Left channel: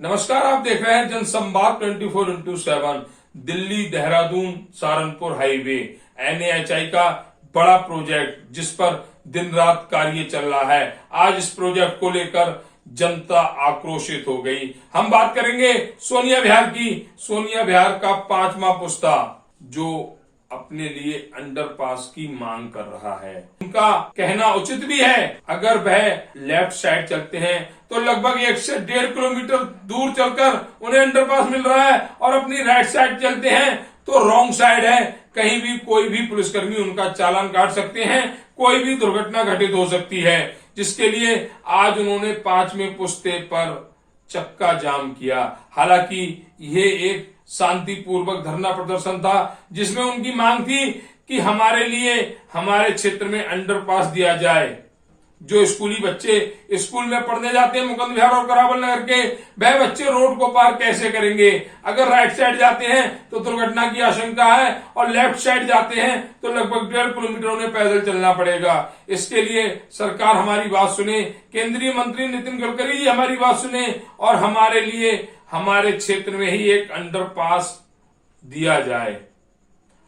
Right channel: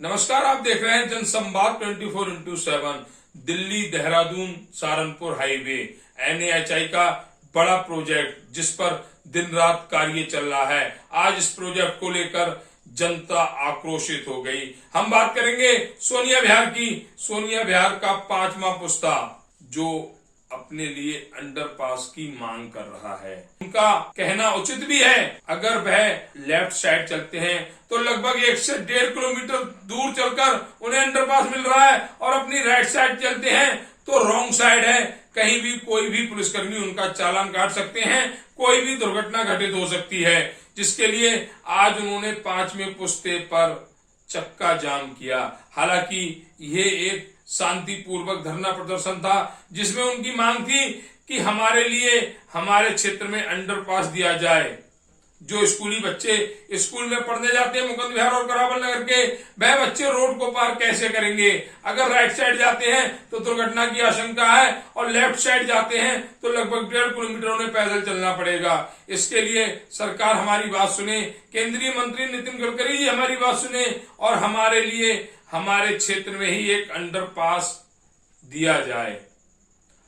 नमस्कार, आप देख रहे हैं जनसंवाद 24x7। Delhi Dehradun Saharanpur highway NAHI का बड़ा प्रोजेक्ट जिस पर दिन रात कार्य चल रहा है। आज इस प्रोजेक्ट को लेकर जनता आक्रोशित हो गई। हम बात करेंगे सोनिया विहार की। सोनिया विहार का 5वां पुस्ता जो अपने लिए अंडरपास की मांग कर रहा है। उनका कहना उचित भी है। अगर वह लेफ्ट साइड चलते हैं तो लगभग 1 से 1.5 किलोमीटर दूर चलकर उन्हें अंडरपास मिल रहा है, और अपनी राइट साइड चलते हैं तो रॉन्ग साइड है। कहीं भी कोई भी पुलिसकर्मी उनका चालान काट सकते हैं, कोई भी दुर्घटना घटित हो सकती है, जिसके लिए आज उन्होंने 5वें पुस्ते पर चक्का जाम किया। हालांकि ये एक शांतिपूर्वक धरना प्रदर्शन था जिसमें उनकी मांग थी कि हमारे लिए हमारे क्षेत्र में अंडरपास दिया जाए। जो स्कूली बच्चे स्कूल में पढ़ने जाते हैं मुकुंद विहार और करावल नगर के, वह बच्चे रोड को पार कैसे करेंगे? अगर राइट साइड जाते हैं तो दुर्घटना की आशंका है, और लेफ्ट साइड जाते हैं तो लगभग 1.5 किलोमीटर उन्हें पैदल चलना पड़ेगा। इसके लिए सरकार हमारी बात सुने, केंद्रीय मंत्री नितिन गडकरी जी हमारी बात सुने, और हमारे लिए हमारे क्षेत्र में ही एक अंडरपास दिया जाए।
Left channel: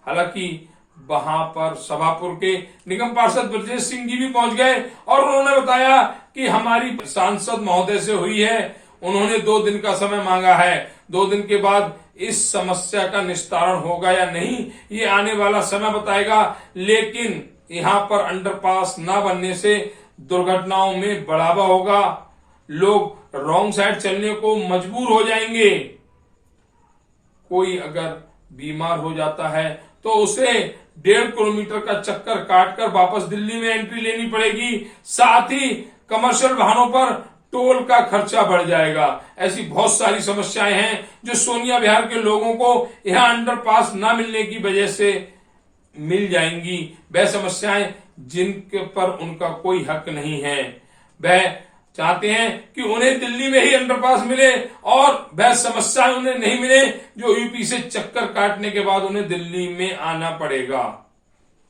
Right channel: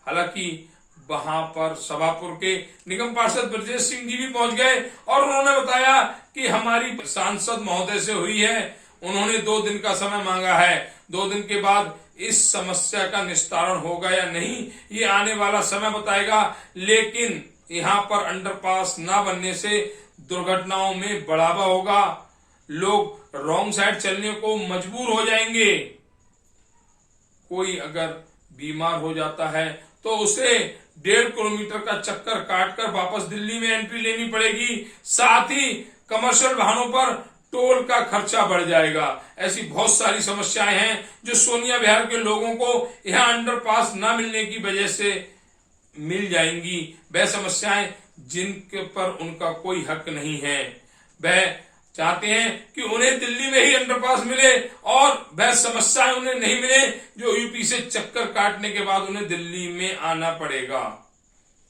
हालांकि वहां पर सभापुर के निगम पार्षद ब्रजेश सिंह जी भी पहुंच गए, और उन्होंने बताया कि हमारी सांसद महोदय से हुई है, उन्होंने 2 दिन का समय मांगा है। 2 दिन के बाद इस समस्या का निस्तारण होगा या नहीं, ये आने वाला समय बताएगा। लेकिन यहाँ पर अंडरपास न बनने से दुर्घटनाओं में बढ़ावा होगा, लोग रॉन्ग साइड चलने को मजबूर हो जाएंगे। कोई अगर बीमार हो जाता है तो उसे 1.5 किलोमीटर का चक्कर काटकर वापस दिल्ली में एंट्री लेनी पड़ेगी। साथ ही कमर्शियल वाहनों पर टोल का खर्चा बढ़ जाएगा। ऐसी बहुत सारी समस्याएं हैं जो सोनिया विहार के लोगों को यहां अंडरपास न मिलने की वजह से मिल जाएंगी। वह समस्याएं जिनके पर उनका कोई हक नहीं है। वह चाहते हैं कि उन्हें दिल्ली में ही अंडरपास मिले, और वह समस्याएं उन्हें नहीं मिले जो यूपी से चक्कर काटने के बाद उन्हें दिल्ली में आना पड़ेगा।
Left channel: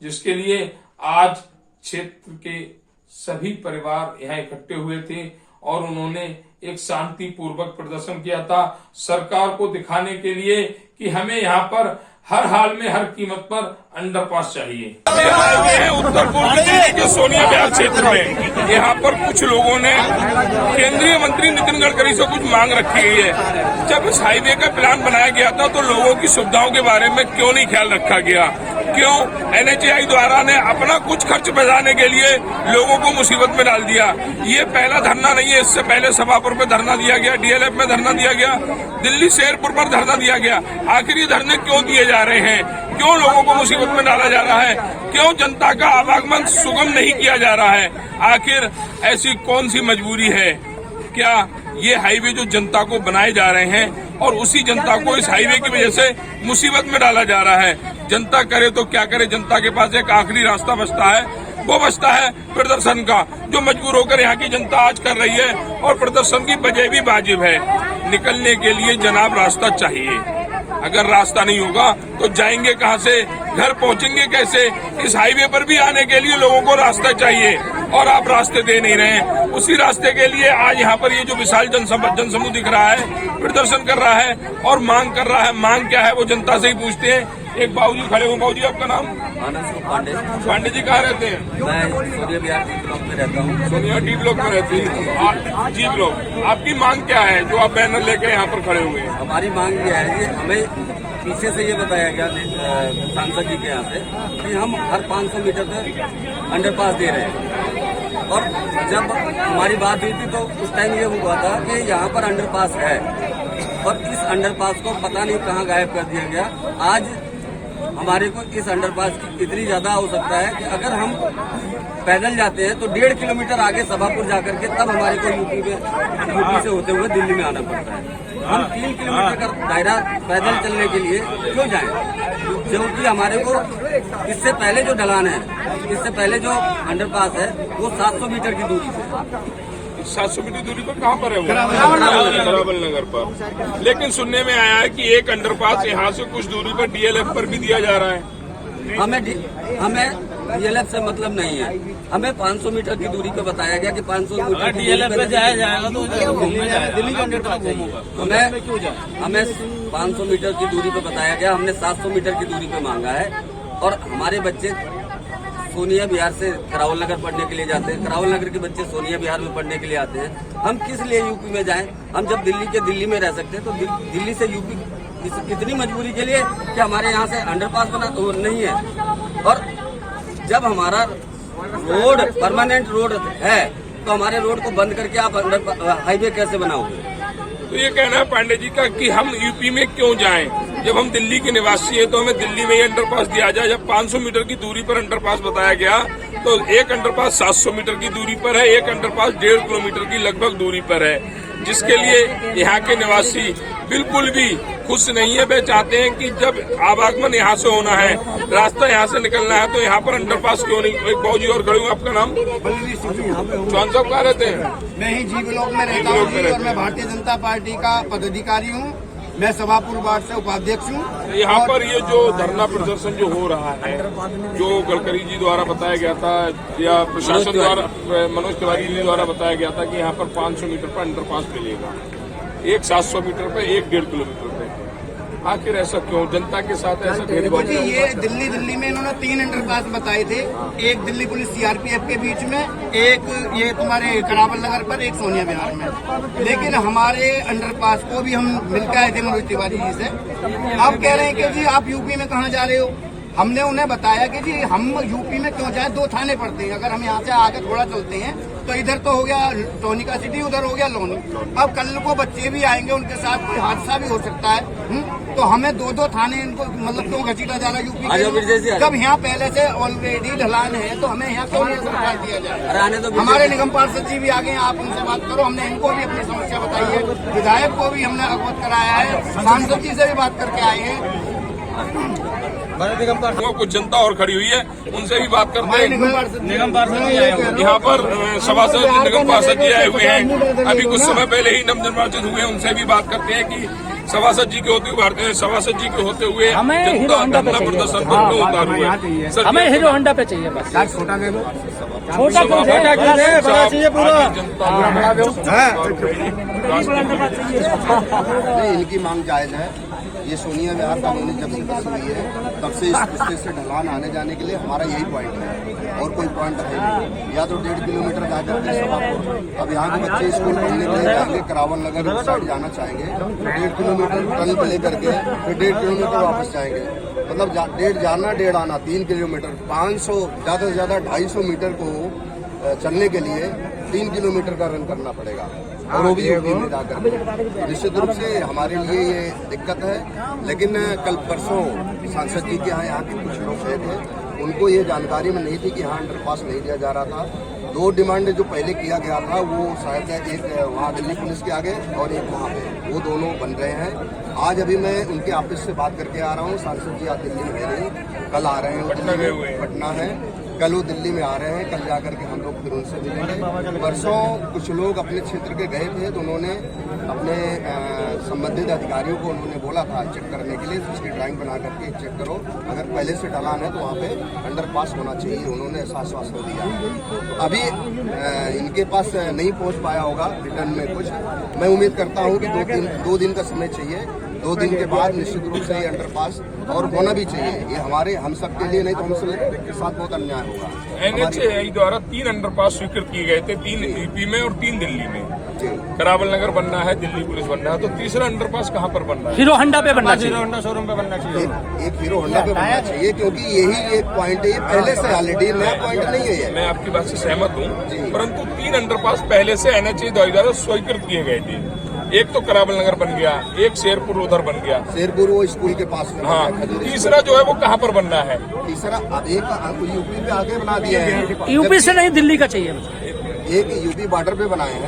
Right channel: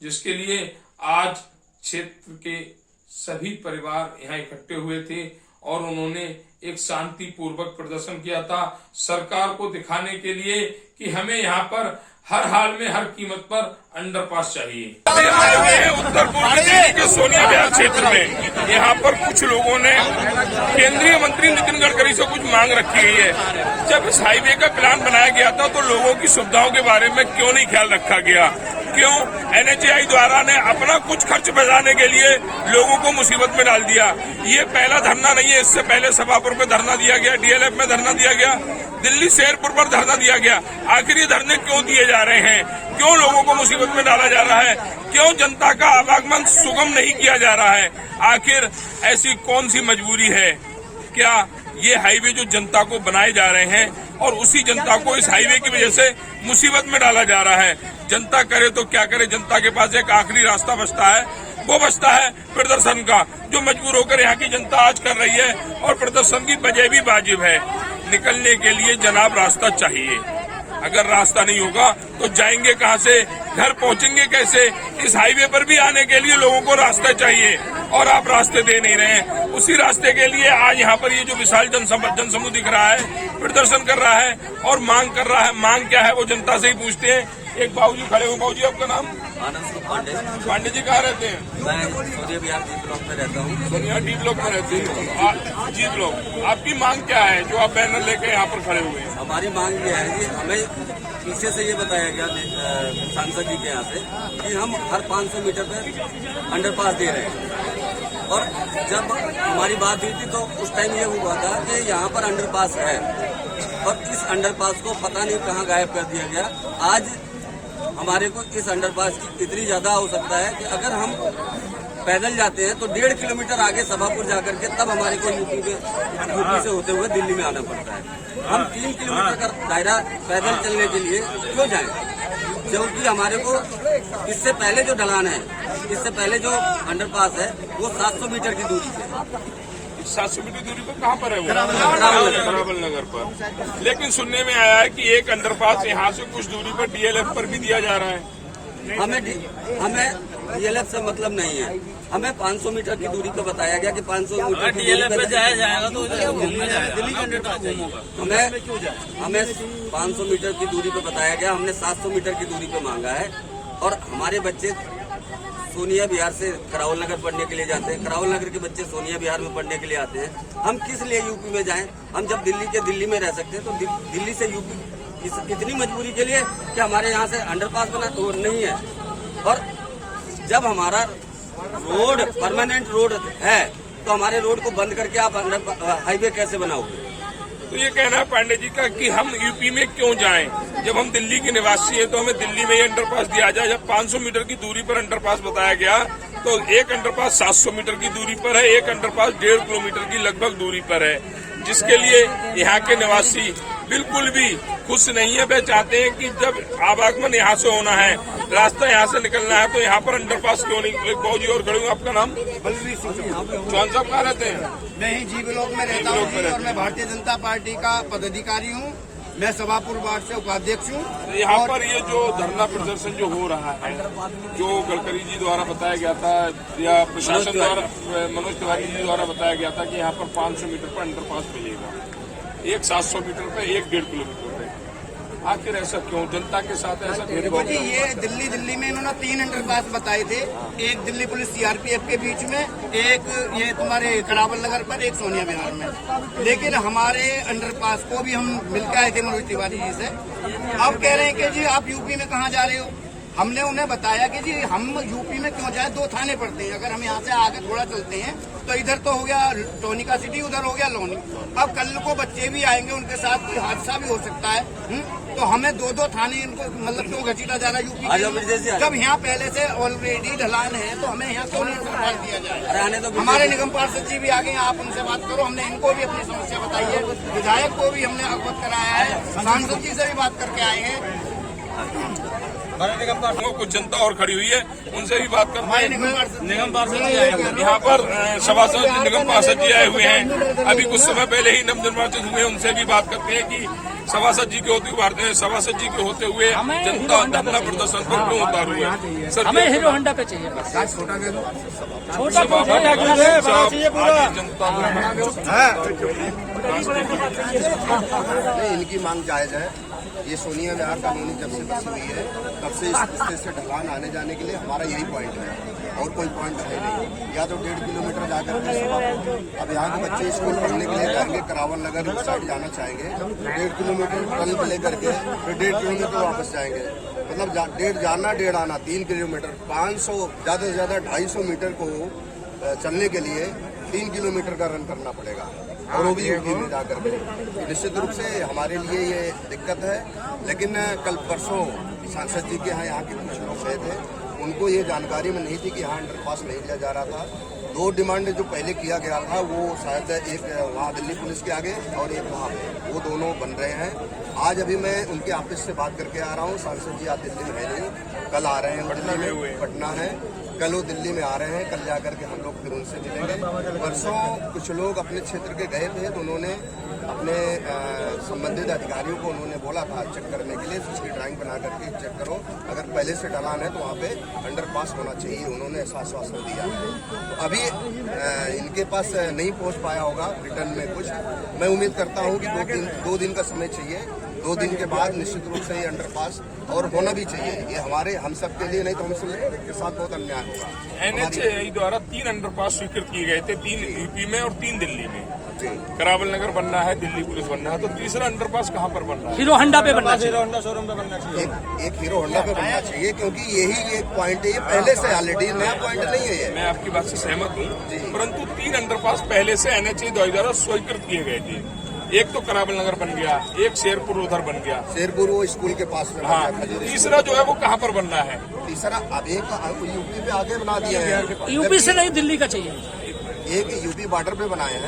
जिसके लिए आज क्षेत्र के सभी परिवार यहाँ इकट्ठे हुए थे, और उन्होंने एक शांतिपूर्वक प्रदर्शन किया था सरकार को दिखाने के लिए कि हमें यहाँ पर हर हाल में हर कीमत पर अंडरपास चाहिए। अभी हम आए हुए हैं उत्तर पूर्व दिल्ली के सोनिया विहार क्षेत्र में। यहाँ पर कुछ लोगों ने केंद्रीय मंत्री नितिन गडकरी से कुछ मांग रखी गई है। जब इस हाईवे का प्लान बनाया गया था तो लोगों की सुविधाओं के बारे में क्यों नहीं ख्याल रखा गया? क्यों NHAI द्वारा ने अपना कुछ खर्च बचाने के लिए लोगों को मुसीबत में डाल दिया? ये पहला धरना नहीं है, इससे पहले सभापुर पे धरना दिया गया, DLF में धरना दिया गया, दिल्ली शेरपुर पर धरना दिया गया। आखिर ये धरने क्यों दिए जा रहे हैं? क्यों लोगों को मुसीबत में डाला जा रहा है? क्यों जनता का आवागमन सुगम नहीं किया जा रहा है? आखिर ऐसी कौन सी मजबूरी है? क्या ये हाईवे जो जनता को बनाए जा रहे हैं और उसी जनता को इस हाईवे की वजह से मुसीबत में डाला जा रहा है? जनता करे तो क्या करे? जनता के पास एक आखिरी रास्ता बचता है, वो बचता है प्रदर्शन का, जो मजबूर होकर यहाँ की जनता आज कर रही है, और प्रदर्शन की वजह भी वाजिब है। निकलने के लिए जनाब रास्ता चाहिए। अगर रास्ता नहीं होगा तो जाएंगे कहाँ से, घर पहुँचेंगे कैसे? इस हाईवे पर भी आने के लिए लोगों को रास्ता चाहिए, और आप रास्ते दे नहीं रहे हैं। उसी रास्ते के लिए आज यहाँ पर ये जो विशाल जनसमूह दिख रहा है, प्रदर्शन कर रहा है और मांग कर रहा है। मांग क्या है वो जनता से ही पूछते हैं। एक बाबूजी खड़े हो। बाबूजी, आपका नाम? आनंद पांडे। पांडे जी कहाँ रहते हैं? मैं सोनिया विहार D ब्लॉक में रहता हूँ। सोनिया D ब्लॉक में रहते हैं। G block. आपकी मांग क्या है जो आप बैनर लेकर यहाँ पर खड़े हुए हैं? हमारी मांग ये है कि हमें पीछे से ये बताया गया सांसद जी के यहाँ से कि हम हर 500 मीटर पे अंडरपास दे रहे हैं, और जब हमारी बात हुई थी तो उस टाइम ये हुआ था कि यहाँ पर अंडरपास है, और इस अंडरपास को पता नहीं कहाँ गायब कर दिया गया। आज हमारे को इस अंडरपास की इतनी ज्यादा आवश्यकता है कि अगर हम पैदल जाते हैं तो 1.5 किलोमीटर आगे सभापुर जाकर के तब हमारे को यूपी से होते हुए दिल्ली में आना पड़ता है। हम 3 किलोमीटर का दायरा पैदल चलने के लिए क्यों जाएं? क्योंकि हमारे को इससे पहले जो ढलान है, इससे पहले जो अंडरपास है वो 700 मीटर की दूरी पे 700 मीटर दूरी पर कहाँ पर है वो? करावल नगर पर। लेकिन सुनने में आया है कि एक अंडरपास यहाँ से कुछ दूरी पर DLF पर भी दिया जा रहा है। हमें DLF से मतलब नहीं है, हमें 500 मीटर की दूरी पे बताया गया कि 500 मीटर की दूरी पे जाएगा तो दिल्ली का अंडरपास चाहिए। हमें 500 मीटर की दूरी पे बताया गया, हमने 700 मीटर की दूरी पे मांगा है। और हमारे बच्चे सोनिया विहार से करावल नगर पढ़ने के लिए जाते हैं, करावल नगर के बच्चे सोनिया विहार में पढ़ने के लिए आते हैं। हम किस लिए यूपी में जाएं? हम जब दिल्ली के दिल्ली में रह सकते हैं तो दिल्ली से यूपी कितनी मजबूरी के लिए कि हमारे यहाँ से अंडरपास बना नहीं है। और जब हमारा रोड परमानेंट रोड है तो हमारे रोड को बंद करके आप हाईवे कैसे बनाओगे? तो ये कहना है पांडे जी का कि हम यूपी में क्यों जाएं? जब हम दिल्ली के निवासी हैं तो हमें दिल्ली में ही अंडरपास दिया जाए। जब 500 मीटर की दूरी पर अंडरपास बताया गया तो एक अंडरपास 700 मीटर की दूरी पर है, एक अंडरपास 1.5 किलोमीटर की लगभग दूरी पर है, जिसके लिए यहाँ के निवासी बिल्कुल भी खुश नहीं है। वे चाहते हैं कि जब आवागमन यहाँ से होना है, रास्ता यहाँ से निकलना है, तो यहाँ पर अंडरपास क्यों नहीं? एक बाबूजी और खड़े हूँ, आपका नाम? बलवीर सिंह चौहान साहब कहाँ रहते हैं? मैं ही जी ब्लॉक में रहता हूँ जी, और मैं भारतीय जनता पार्टी का पदाधिकारी हूँ। मैं सभापुर वार्ड से उपाध्यक्ष हूँ। यहाँ पर ये जो धरना प्रदर्शन जो हो रहा है, जो गडकरी जी द्वारा बताया गया था या प्रशासन द्वारा, मनोज तिवारी जी द्वारा बताया गया था कि यहाँ पर 500 मीटर पर अंडरपास मिलेगा, एक 700 मीटर पर, एक 1.5 किलोमीटर पे। आखिर ऐसा क्यों? जनता के साथ ऐसा भेदभाव? जी, ये दिल्ली में इन्होंने 3 अंडरपास बताए थे। एक दिल्ली पुलिस CRPF के बीच में, एक ये तुम्हारे करावल नगर पर, एक सोनिया विहार में। लेकिन हमारे अंडरपास को भी हम मिलकर आए थे मनोज तिवारी जी से। अब कह रहे हैं कि जी आप यूपी में कहाँ जा रहे हो? हमने उन्हें बताया कि जी हम यूपी में क्यों जाए, 2 थाने पड़ते हैं। अगर हम यहाँ से आगे थोड़ा चलते हैं तो इधर तो हो गया टोनिका सिटी, उधर हो गया लोनी। अब कल को बच्चे भी आएंगे, उनके साथ कोई हादसा भी हो सकता है। तो हमें 2 थाने इनको मतलब क्यों घसीटा जा रहा है यूपी के? जब यहाँ पहले से ऑलरेडी ढलान है तो हमें यहाँ क्यों नहीं अंडरपास दिया जाए? हमारे निगम पार्षद जी भी आ गए, आप उनसे बात करो। हमने इनको भी अपनी समस्या बताई है, विधायक को भी हमने अवगत कराया है, सांसद जी से भी बात करके आए हैं। कुछ जनता और खड़ी हुई है, उनसे भी बात करते हैं। निगम पार्षद यहाँ पर सभासद निगम पार्षद जी आए हुए हैं, अभी कुछ समय पहले ही नवनिर्वाचित हुए, उनसे भी बात करते हैं कि सभासद जी के होते हुए सभासद जी के होते हुए जनता धरना प्रदर्शन पर क्यों उतार हुए? हमें हीरो होंडा पे चाहिए बस। छोटा नहीं, इनकी मांग जायज है। ये सोनिया विहार कॉलोनी जब से बसी हुई है तब से इस रास्ते से ढलान आने जाने के लिए हमारा यही पॉइंट है, और कोई पॉइंट है नहीं। या तो 1.5 किलोमीटर जाकर के सभापुर, अब यहाँ के बच्चे स्कूल पढ़ने के लिए जाएंगे, करावल नगर उस साइड जाना चाहेंगे, 1.5 किलोमीटर टर्न पे लेकर के फिर 1.5 किलोमीटर वापस जाएंगे। मतलब 1.5 जाना 1.5 आना, 3 किलोमीटर, 500 ज्यादा से ज्यादा 250 मीटर को चलने के लिए 3 किलोमीटर का रन करना पड़ेगा, और वो भी यूपी में जाकर के। निश्चित रूप से हमारे लिए ये दिक्कत है। लेकिन कल परसों सांसद जी के यहाँ के कुछ लोग गए थे, उनको ये जानकारी में नहीं थी कि यहाँ अंडरपास नहीं दिया जा रहा था। 2 डिमांड जो पहले किया गया था वो शायद एक वहाँ दिल्ली पुलिस के आगे और एक वहाँ पे, वो दोनों बन रहे हैं। आज अभी मैं उनके ऑफिस से बात करके आ रहा हूँ। सांसद जी आज दिल्ली में है नहीं, कल आ रहे हैं, दिल्ली में पटना है, कल वो दिल्ली में आ रहे हैं, कल जाकर के हम लोग फिर उनसे मिलेंगे। परसों कुछ लोग अपने क्षेत्र के गए थे तो उन्होंने अपने संबंधित अधिकारियों को उन्होंने बोला था चेक करने के लिए, उसकी ड्राइंग बना करके चेक करो, अगर पहले से ढलान है तो वहाँ पे अंडरपास होना चाहिए। उन्होंने ऐसा आश्वासन दिया है। तो अभी इनके पास नहीं पहुँच पाया होगा रिटर्न में कुछ। मैं उम्मीद करता हूँ कि 2 दिन का समय चाहिए। 2 दिन के बाद निश्चित रूप से ये अंडरपास और होना भी चाहिए। ये हम सब के लिए नहीं तो हम सब के साथ बहुत अन्याय होगा। NHAI द्वारा 3 अंडरपास स्वीकृत किए गए थे, 3 यूपी में और 3 दिल्ली में। करावल नगर बनना है, दिल्ली पुलिस बनना है, तो तीसरा अंडरपास कहाँ पर बनना है? हीरो होंडा पे बनना चाहिए, हीरो होंडा शोरूम पे बनना चाहिए। एक हीरो होंडा पे बनना चाहिए, क्योंकि यही एक पॉइंट है, ये पहले से ऑलरेडी नया पॉइंट नहीं है ये। मैं आपकी बात से सहमत हूँ, परंतु 3 अंडरपास पहले से NHAI द्वारा स्वीकृत किए गए थे। एक तो करावल नगर बन गया, एक शेरपुर उधर बन गया, शेरपुर वो स्कूल के पास में। हाँ, तीसरा जो है वो कहाँ पर बनना है? तीसरा अब एक यूपी पे आगे बना दिया है। यूपी से नहीं, दिल्ली का चाहिए। एक यूपी बॉर्डर पे बनाए हैं।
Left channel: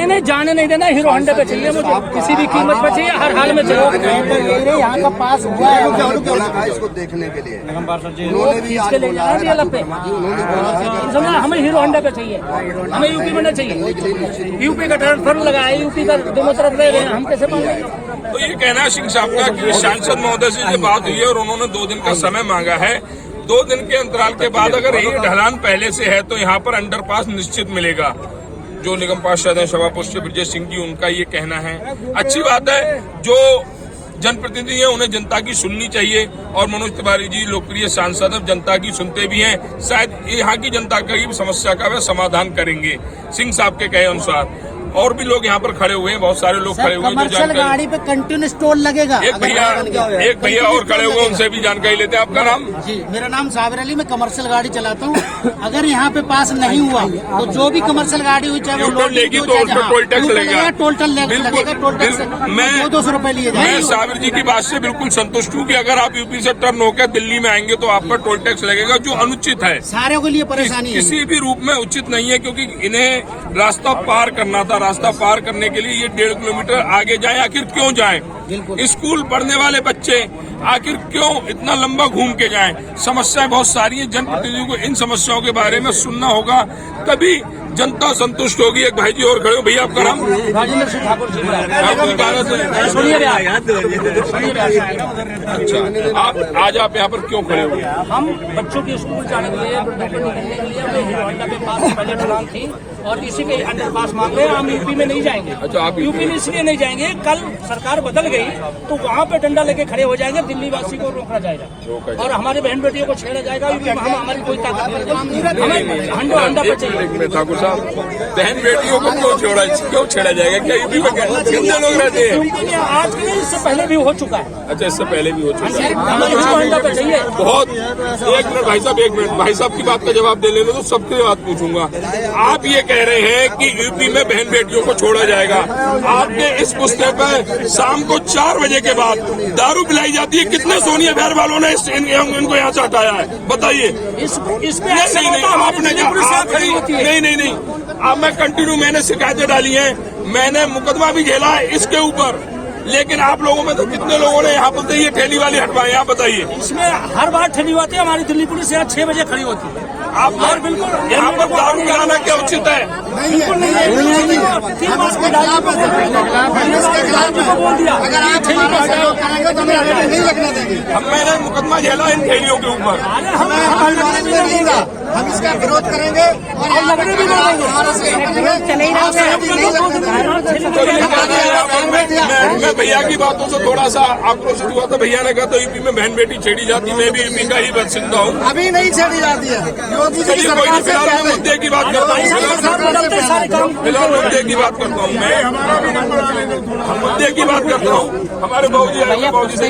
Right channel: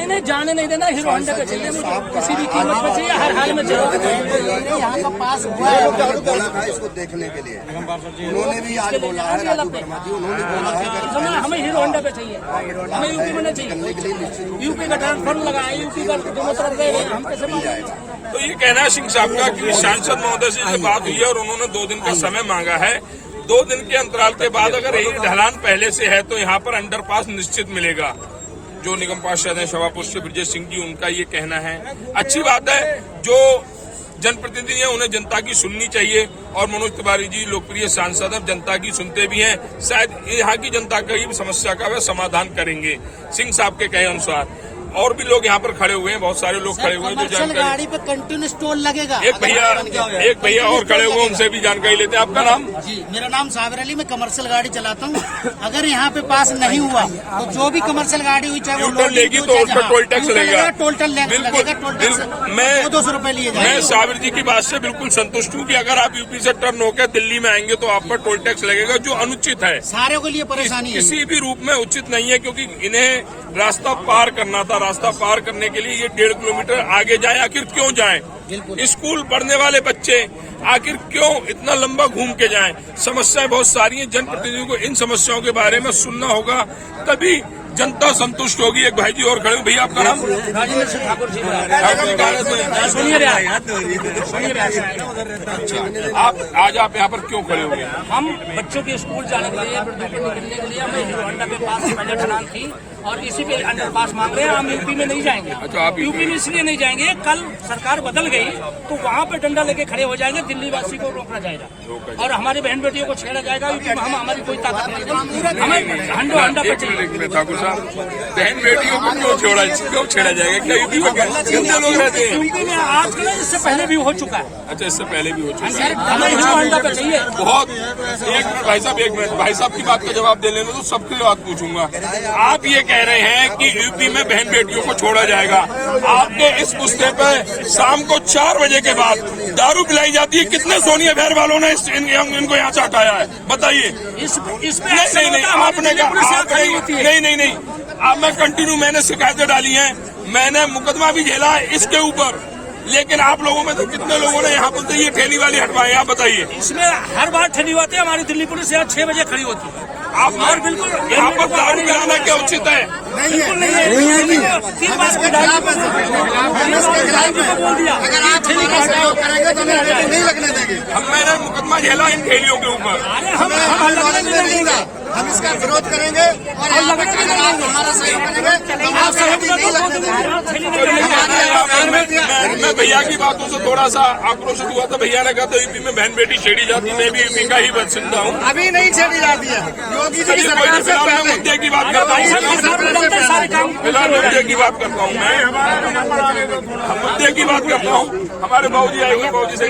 नहीं जाने नहीं देना, हीरो होंडा पे चाहिए मुझे, किसी भी कीमत पर चाहिए, हर हाल में चाहिए। यहाँ का पास हुआ है, बोला था इसको देखने के लिए, उन्होंने भी आज बोला है, राजू वर्मा जी उन्होंने बोला है हमें हीरो होंडा पे चाहिए, हमें यूपी में नहीं चाहिए। यूपी का ट्रांसफर लगाया, यूपी का दोनों तरफ रह रहे हैं, हम कैसे पाएंगे? तो ये कहना सिंह साहब का कि सांसद महोदय से बात हुई है और उन्होंने 2 दिन का समय मांगा है। 2 दिन के अंतराल के बाद अगर ये ढलान पहले से है तो यहाँ पर अंडरपास निश्चित मिलेगा। जो निगम पार्षद हैं शोभा पुष्य ब्रजेश सिंह जी, उनका ये कहना है। अच्छी बात है, जो जनप्रतिनिधि है उन्हें जनता की सुननी चाहिए और मनोज तिवारी जी लोकप्रिय सांसद हैं, जनता की सुनते भी हैं। शायद यहाँ की जनता की समस्या का वह समाधान करेंगे सिंह साहब के कहे अनुसार। और भी लोग यहाँ पर खड़े हुए हैं, बहुत सारे लोग खड़े हुए हैं जो जानकारी। गाड़ी पे कंटिन्यूस टोल लगेगा। एक भैया और खड़े हुए, उनसे भी जानकारी लेते हैं। आपका नाम? जी, मेरा नाम साबिर अली, मैं कमर्शियल गाड़ी चलाता हूँ। अगर यहाँ पे पास नहीं हुआ तो जो भी कमर्शियल गाड़ी हुई, चाहे वो लोड हो चाहे टोल टैक्स लगेगा। टोल टैक्स मैं 200 रुपए लिए जाएंगे। मैं साबिर जी की बात से बिल्कुल संतुष्ट हूँ कि अगर आप यूपी से टर्न होकर दिल्ली में आएंगे तो आप पर टोल टैक्स लगेगा, जो अनुचित है, सारे के लिए परेशानी है। किसी भी रूप में उचित नहीं है, क्योंकि इन्हें रास्ता पार करना था। रास्ता पार करने के लिए ये 1.5 किलोमीटर आगे जाए। आखिर क्यों जाएं? स्कूल पढ़ने वाले बच्चे आखिर क्यों इतना लंबा घूम के जाएं? समस्याएं बहुत सारी हैं। जनप्रतिनिधियों को इन समस्याओं के बारे में सुनना होगा, तभी जनता संतुष्ट होगी। एक भाई जी और खड़े हो। भैया आपका नाम? राजेंद्र सिंह ठाकुर जी। अच्छा, आज आप यहाँ पर क्यों खड़े हुए? हम बच्चों के स्कूल जाने के लिए, वृद्धों को निकलने के लिए, हमें हीरो होंडा के पास पहले ढलान थी और इसी के अंडरपास मांग रहे हैं। हम यूपी में नहीं जाएंगे। अच्छा, आप यूपी में इसलिए नहीं जाएंगे, कल सरकार बदल गई तो वहाँ पे डंडा लेके खड़े हो जाएंगे, दिल्ली वासी को रोका जाएगा और हमारी बहन बेटियों को छेड़ा जाएगा। यूपी में हमारी कोई ताकत नहीं, हमें हंडा पे चाहिए। ठाकुर साहब, बहन बेटियों को क्यों छेड़ा जाएगा? क्या यूपी में कितने लोग रहते हैं? यूपी में आज के इससे पहले भी हो चुका है। अच्छा, इससे पहले भी हो चुका है। हमें हंडा पे चाहिए। बहुत। 1 मिनट भाई साहब, 1 मिनट। भाई साहब की बात का जवाब दे लेने तो सबकी बात पूछूंगा। आप ये कह रहे हैं कि यूपी में बहन बेटियों को छोड़ा जाएगा। आपके इस पुस्ते पर शाम को 4 बजे के बाद दारू पिलाई जाती है। कितने सोनिया घर वालों ने इनको यहाँ से हटाया है, बताइए। इस पे ऐसा होता है, हमारी दिल्ली पुलिस यहाँ खड़ी होती है। नहीं। अब मैं कंटिन्यू, मैंने शिकायतें डाली हैं, मैंने मुकदमा भी झेला है इसके ऊपर, लेकिन आप लोगों में तो कितने लोगों ने यहाँ पर ये ठेली वाली हटवाई? आप बताइए। इसमें हर बार ठेली होती है। हमारी दिल्ली पुलिस यहाँ 6 बजे खड़ी होती है। आप और बिल्कुल यहाँ पर दारू कराना क्या उचित है? बोल दिया अगर आप हमारा सहयोग करेंगे तो हमें नहीं लगने देंगे। मैंने मुकदमा झेला इन ठेलियों के ऊपर। हमें नॉलेज में नहीं था, हम इसका विरोध करेंगे और यहाँ पे अगर आप हमारा सहयोग करेंगे आपसे हम नहीं लगने देंगे। मैं भैया की बातों से थोड़ा सा आक्रोशित हुआ था। भैया ने कहा तो यूपी में बहन बेटी छेड़ी जाती, मैं भी यूपी का ही बासिंदा हूँ। अभी नहीं छेड़ी जाती है, योगी जी की सरकार से पहले। मुद्दे की बात करता हूँ, फिलहाल मुद्दे की बात करता हूँ मैं। मुद्दे की बात करता हूँ। हमारे बाबूजी आएंगे, बाबूजी से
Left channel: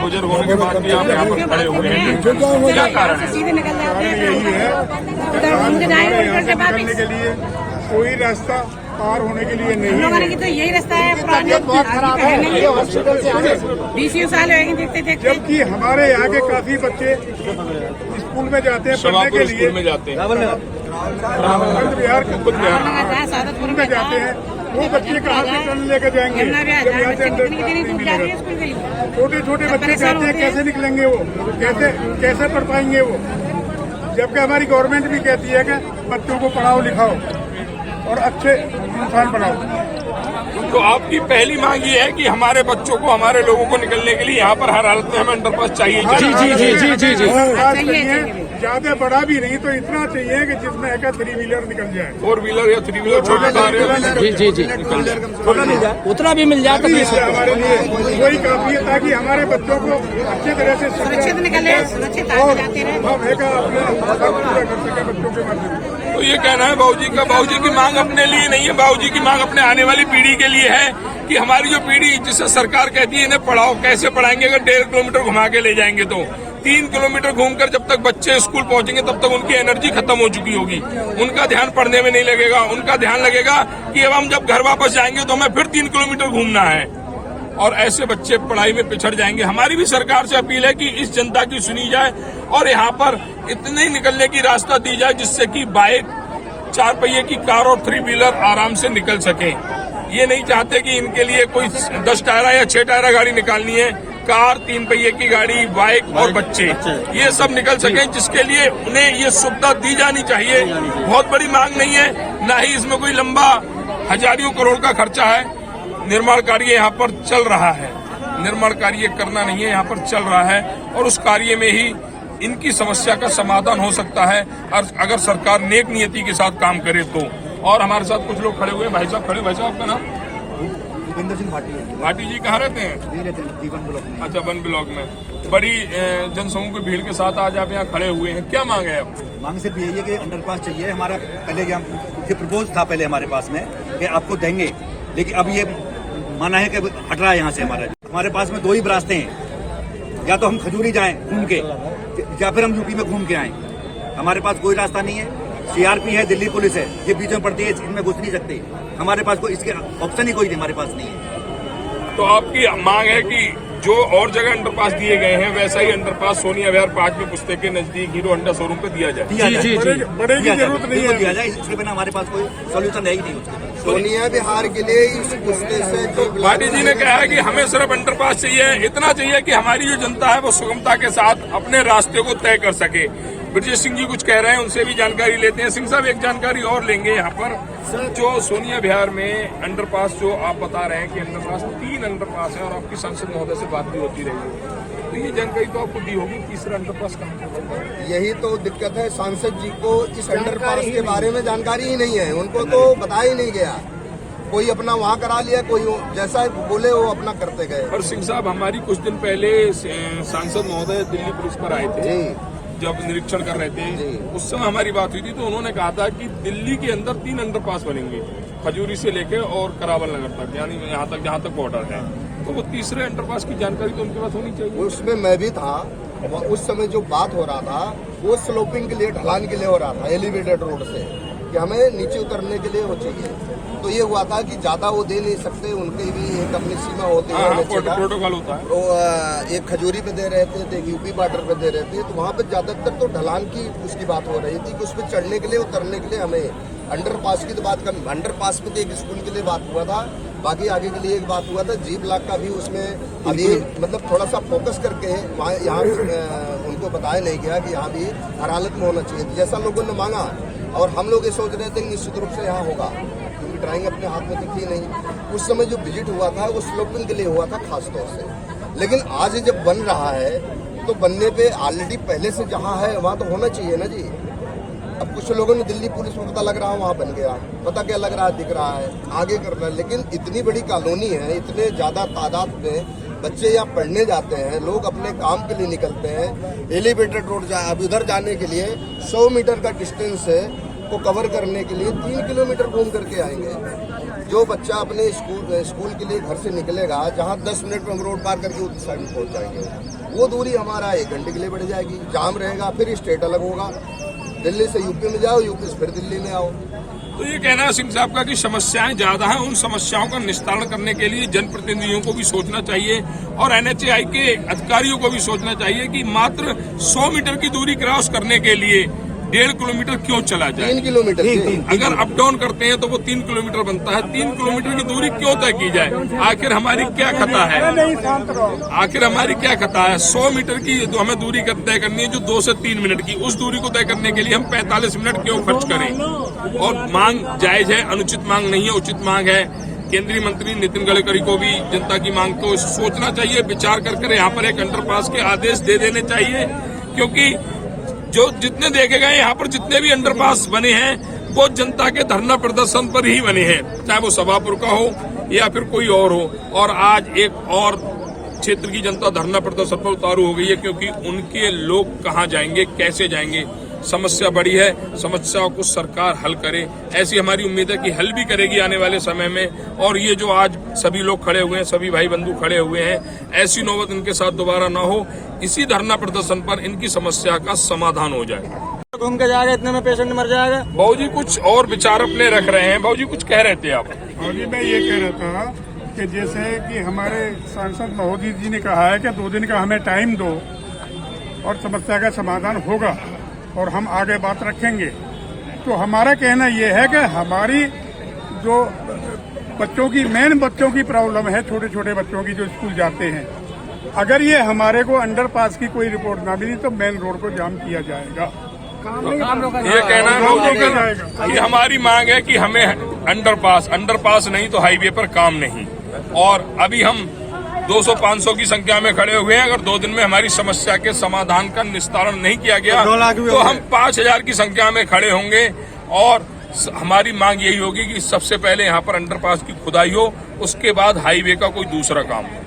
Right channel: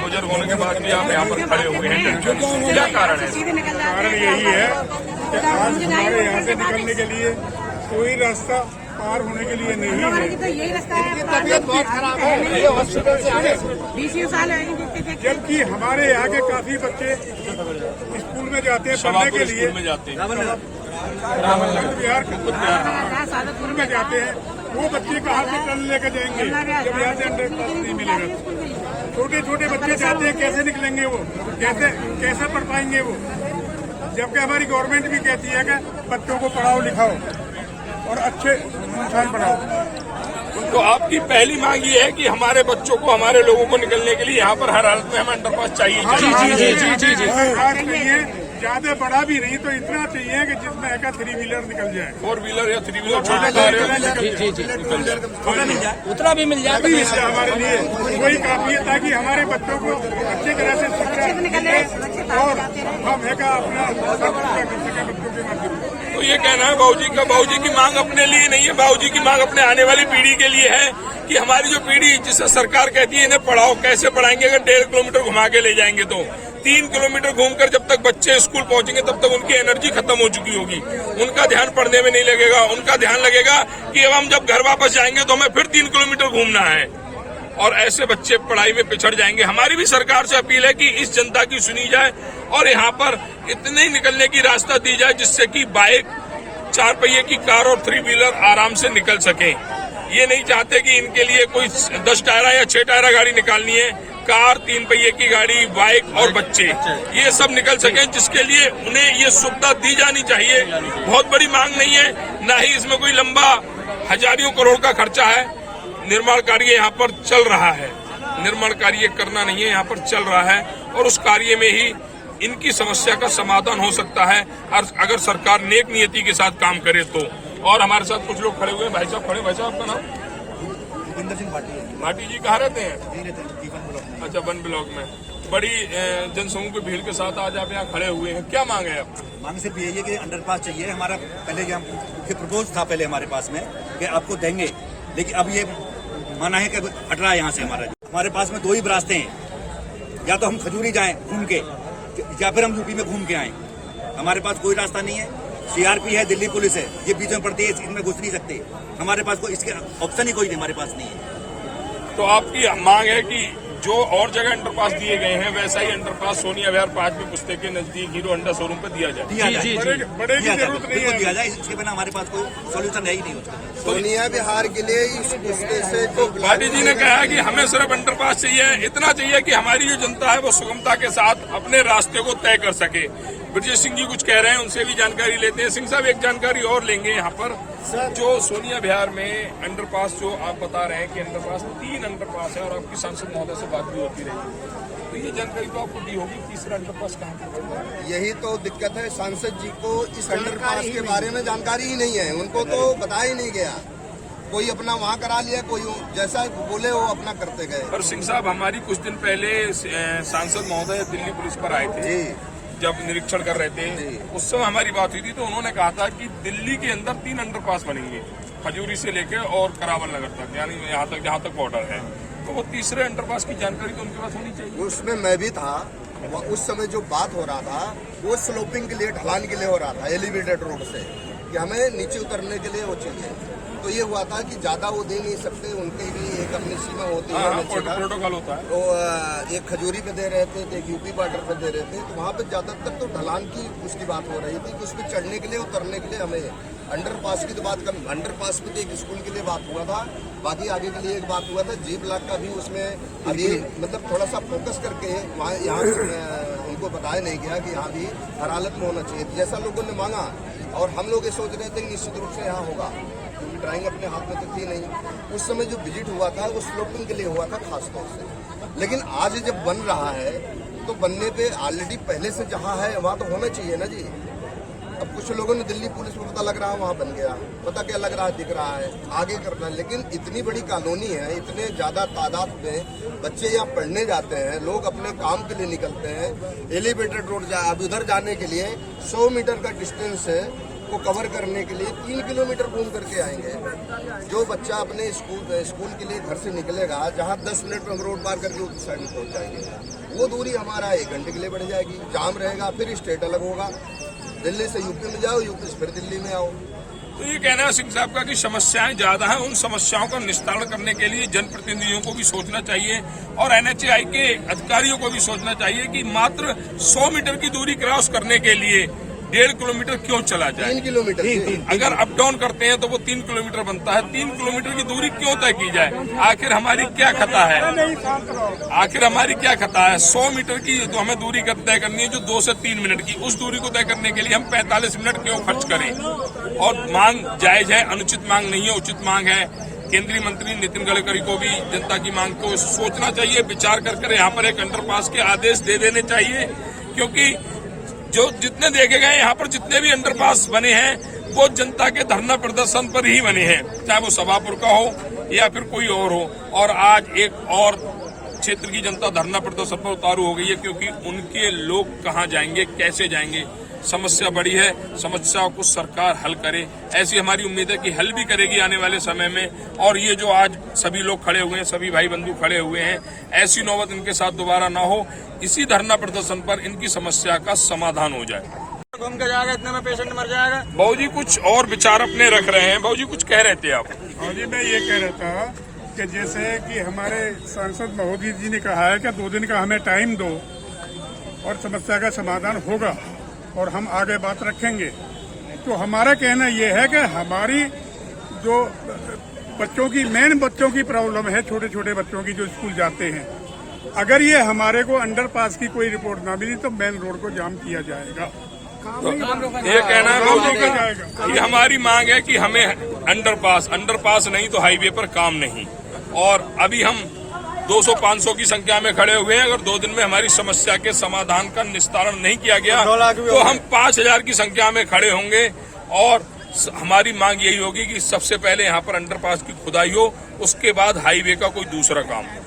बुजुर्ग होने के बाद भी आप यहाँ पर खड़े हुए हैं, क्या कारण? कारण यही है कि आज हमारे यहाँ से निकलने के लिए कोई रास्ता पार होने के लिए नहीं है। तो यही रास्ता है। तबियत बहुत खराब है, ये हॉस्पिटल से आने 20 साल हो गए। जबकि हमारे यहाँ के काफी बच्चे स्कूल में जाते हैं पढ़ने के लिए, में जाते हैं, बिहार स्कूल में जाते हैं। वो बच्चे कहाँ से टर्न लेकर जाएंगे जब यहाँ से अंडरपास नहीं मिलेगा? छोटे छोटे बच्चे जाते हैं, कैसे निकलेंगे वो? कैसे पढ़ पाएंगे वो? जबकि हमारी गवर्नमेंट भी कहती है कि बच्चों को पढ़ाओ लिखाओ और अच्छे इंसान बनाओ। तो आपकी पहली मांग ये है कि हमारे बच्चों को, हमारे लोगों को निकलने के लिए यहाँ पर हर हालत में हमें अंडरपास चाहिए। अंडरपास चाहिए, ज्यादा बड़ा भी नहीं तो इतना चाहिए कि जिसमें एक 3 व्हीलर निकल जाए, 4 व्हीलर या 3 व्हीलर, छोटे निकल जाए, छोटा मिल जाए, उतना भी मिल जाए तो हमारे लिए वही काफी है, ताकि हमारे बच्चों को अच्छी तरह से शिक्षा मिले और हम एक अपना सब पूरा कर सके बच्चों के माध्यम से। तो ये कहना है बाबूजी का, बाबूजी की मांग अपने लिए नहीं है, बाबूजी की मांग अपने आने वाली पीढ़ी के लिए है कि हमारी जो पीढ़ी, जिसे सरकार कहती है इन्हें पढ़ाओ, कैसे पढ़ाएंगे? अगर 1.5 किलोमीटर घुमा के ले जाएंगे तो 3 किलोमीटर घूमकर जब तक बच्चे स्कूल पहुंचेंगे तब तक उनकी एनर्जी खत्म हो चुकी होगी, उनका ध्यान पढ़ने में नहीं लगेगा, उनका ध्यान लगेगा कि अब हम जब घर वापस जाएंगे तो हमें फिर 3 किलोमीटर घूमना है, और ऐसे बच्चे पढ़ाई में पिछड़ जाएंगे। हमारी भी सरकार से अपील है कि इस जनता की सुनी जाए और यहाँ पर इतने निकलने की रास्ता दी जाए जिससे कि बाइक, 4 पहिए की कार और 3 व्हीलर आराम से निकल सके। ये नहीं चाहते कि इनके लिए कोई 10 टायरा या 6 टायरा गाड़ी निकालनी है, कार, 3 पहिए की गाड़ी, बाइक और बच्चे, ये सब निकल सके, जिसके लिए उन्हें ये सुविधा दी जानी चाहिए। बहुत बड़ी मांग नहीं है, ना ही इसमें कोई लंबा हजारों करोड़ का खर्चा है, निर्माण कार्य यहाँ पर चल रहा है। निर्माण कार्य करना नहीं है, यहाँ पर चल रहा है और उस कार्य में ही इनकी समस्या का समाधान हो सकता है अगर सरकार नेक नियति के साथ काम करे तो। और हमारे साथ कुछ लोग खड़े हुए हैं। भाई साहब खड़े, भाई साहब आपका नाम? भूपिंदर सिंह भाटी। भाटी जी कहाँ रहते हैं? जी रहते हैं जीवन ब्लॉक में। अच्छा, वन ब्लॉक में। बड़ी जनसमूह की भीड़ के साथ आज आप यहाँ खड़े हुए हैं, क्या मांग है आप? मांग सिर्फ यही है कि अंडरपास चाहिए। हमारा पहले ये प्रपोज था पहले हमारे पास में कि आपको देंगे, लेकिन अब ये माना है कि हट रहा है यहाँ से हमारे पास में दो ही रास्ते हैं, या तो हम खजूरी जाएं घूम के, या फिर हम यूपी में घूम के आएं। हमारे पास कोई रास्ता नहीं है। सीआरपी है, दिल्ली पुलिस है, ये बीच में पड़ती है, इनमें घुस नहीं सकते। हमारे पास कोई इसके ऑप्शन ही कोई हमारे पास नहीं है। तो आपकी मांग है कि जो और जगह अंडरपास दिए गए हैं वैसा ही अंडरपास सोनिया विहार 5 पुस्ते के नजदीक हीरो होंडा शोरूम पे दिया जाए। जी बड़े की जरूरत नहीं है, दिया जाए, इसके बिना हमारे पास कोई सोल्यूशन है ही नहीं उसके। सोनिया विहार के लिए इस पुस्ते से जो भाटी जी ने कहा है कि हमें सिर्फ अंडरपास चाहिए, इतना चाहिए कि हमारी जो जनता है वो सुगमता के साथ अपने रास्ते को तय कर सके। ब्रजेश सिंह जी कुछ कह रहे हैं, उनसे भी जानकारी लेते हैं। सिंह साहब एक जानकारी और लेंगे यहाँ पर, जो सोनिया विहार में अंडरपास जो आप बता रहे हैं कि अंडरपास 3 अंडरपास है और आपकी सांसद महोदय से बात भी होती रही है, तो ये जानकारी तो आपको दी होगी, तीसरा अंडरपास कहाँ पर? यही तो दिक्कत है, सांसद जी को इस अंडरपास के बारे में जानकारी ही नहीं है, उनको तो बताया ही नहीं गया। कोई अपना वहाँ करा लिया, कोई जैसा बोले वो अपना करते गए। और सिंह साहब, हमारी कुछ दिन पहले सांसद महोदय दिल्ली पुलिस पर आए थे, जब निरीक्षण कर रहे थे, उस समय हमारी बात हुई थी, तो उन्होंने कहा था कि दिल्ली के अंदर 3 अंडरपास बनेंगे, खजूरी से लेके और करावल नगर तक, यानी यहाँ तक जहाँ तक बॉर्डर है। तो वो तीसरे अंडरपास की जानकारी तो उनके पास होनी चाहिए। उसमें मैं भी था, उस समय जो बात हो रहा था वो स्लोपिंग के लिए, ढलान के लिए हो रहा था, एलिवेटेड रोड से, कि हमें नीचे उतरने के लिए वो चाहिए। तो ये हुआ था कि ज्यादा वो दे नहीं सकते, उनकी भी एक अपनी सीमा होती है नीचे का, प्रोटोकॉल होता है। तो एक खजूरी पे दे रहे थे, एक यूपी बॉर्डर पे दे रहे थे, तो वहाँ पे ज्यादातर तो ढलान की उसकी बात हो रही थी कि उस पर चढ़ने के लिए, उतरने के लिए हमें अंडरपास की तो बात कर, अंडरपास पे तो एक स्कूल के लिए बात हुआ था, बाकी आगे के लिए एक बात हुआ था, जी ब्लॉक का भी उसमें अभी मतलब थोड़ा सा फोकस करके वहाँ यहाँ उनको बताया नहीं गया कि यहाँ भी हर हालत में होना चाहिए, जैसा लोगों ने मांगा। और हम लोग ये सोच रहे थे कि निश्चित रूप से यहाँ होगा, क्योंकि ड्राइंग अपने हाथ में तो थी नहीं। उस समय जो विजिट हुआ था वो स्लोपिंग के लिए हुआ था खास तौर से, लेकिन आज जब बन रहा है तो बनने पे ऑलरेडी पहले से जहाँ है वहाँ तो होना चाहिए ना जी। अब कुछ लोगों ने दिल्ली पुलिस में पता लग रहा है वहाँ बन गया, पता क्या लग रहा है, दिख रहा है, आगे करना है, लेकिन इतनी बड़ी कॉलोनी है, इतने ज्यादा तादाद में बच्चे यहाँ पढ़ने जाते हैं, लोग अपने काम के लिए निकलते हैं। एलिवेटेड रोड अब उधर जाने के लिए 100 मीटर का डिस्टेंस को कवर करने के लिए 3 किलोमीटर घूम करके आएंगे। जो बच्चा अपने स्कूल के लिए घर से निकलेगा, जहाँ 10 मिनट में हम रोड पार करके उस साइड में पहुंच जाएंगे, वो दूरी हमारा 1 घंटे के लिए बढ़ जाएगी। जाम रहेगा, फिर स्टेट अलग होगा, दिल्ली से यूपी में जाओ, यूपी से फिर दिल्ली में आओ। तो ये कहना है सिंह साहब का कि समस्याएं ज्यादा हैं, उन समस्याओं का निस्तारण करने के लिए जनप्रतिनिधियों को भी सोचना चाहिए और NHAI के अधिकारियों को भी सोचना चाहिए कि मात्र 100 मीटर की दूरी क्रॉस करने के लिए 1.5 किलोमीटर क्यों चला जाए। 3 किलोमीटर अगर अप डाउन करते हैं तो वो 3 किलोमीटर बनता है। 3 किलोमीटर की दूरी क्यों तय की जाए? आखिर हमारी क्या खता है? आखिर हमारी क्या खता है? 100 मीटर की जो हमें दूरी तय करनी है, जो 2 से 3 मिनट की, उस दूरी को तय करने के लिए हम 45 मिनट क्यों खर्च करें? और मांग जायज है, अनुचित मांग नहीं है, उचित मांग है। केंद्रीय मंत्री नितिन गडकरी को भी जनता की मांग को सोचना चाहिए, विचार कर यहाँ पर एक अंडरपास के आदेश दे देने चाहिए, क्योंकि जो जितने देखे गए यहाँ पर जितने भी अंडरपास बने हैं वो जनता के धरना प्रदर्शन पर ही बने हैं, चाहे वो सभापुर का हो या फिर कोई और हो। और आज एक और क्षेत्र की जनता धरना प्रदर्शन पर उतारू हो गई है, क्योंकि उनके लोग कहाँ जाएंगे, कैसे जाएंगे। समस्या बड़ी है, समस्याओं को सरकार हल करे, ऐसी हमारी उम्मीद है कि हल भी करेगी आने वाले समय में। और ये जो आज सभी लोग खड़े हुए हैं, सभी भाई बंधु खड़े हुए हैं, ऐसी नौबत इनके साथ दोबारा ना हो, इसी धरना प्रदर्शन पर इनकी समस्या का समाधान हो जाए। घूम के जाएगा, इतने में पेशेंट मर जाएगा। बाबू जी कुछ और विचार अपने रख रहे हैं, बाबू जी कुछ कह रहे थे आप? और जी मैं ये कह रहा था कि जैसे कि हमारे सांसद महोदय जी ने कहा है कि 2 दिन का हमें टाइम दो और समस्या का समाधान होगा और हम आगे बात रखेंगे। तो हमारा कहना यह है कि हमारी जो बच्चों की प्रॉब्लम है, छोटे छोटे बच्चों की जो स्कूल जाते हैं, अगर ये हमारे को अंडरपास की कोई रिपोर्ट ना मिली तो मेन रोड को जाम किया जाएगा। ये कहना है, ये हमारी मांग है कि हमें अंडरपास नहीं तो हाईवे पर काम नहीं। और अभी हम 200-500 की संख्या में खड़े हुए हैं। अगर 2 दिन में हमारी समस्या के समाधान का निस्तारण नहीं किया गया तो हम 5000 की संख्या में खड़े होंगे। और हमारी मांग यही होगी कि सबसे पहले यहाँ पर अंडरपास की खुदाई हो, उसके बाद हाईवे का कोई दूसरा काम हो।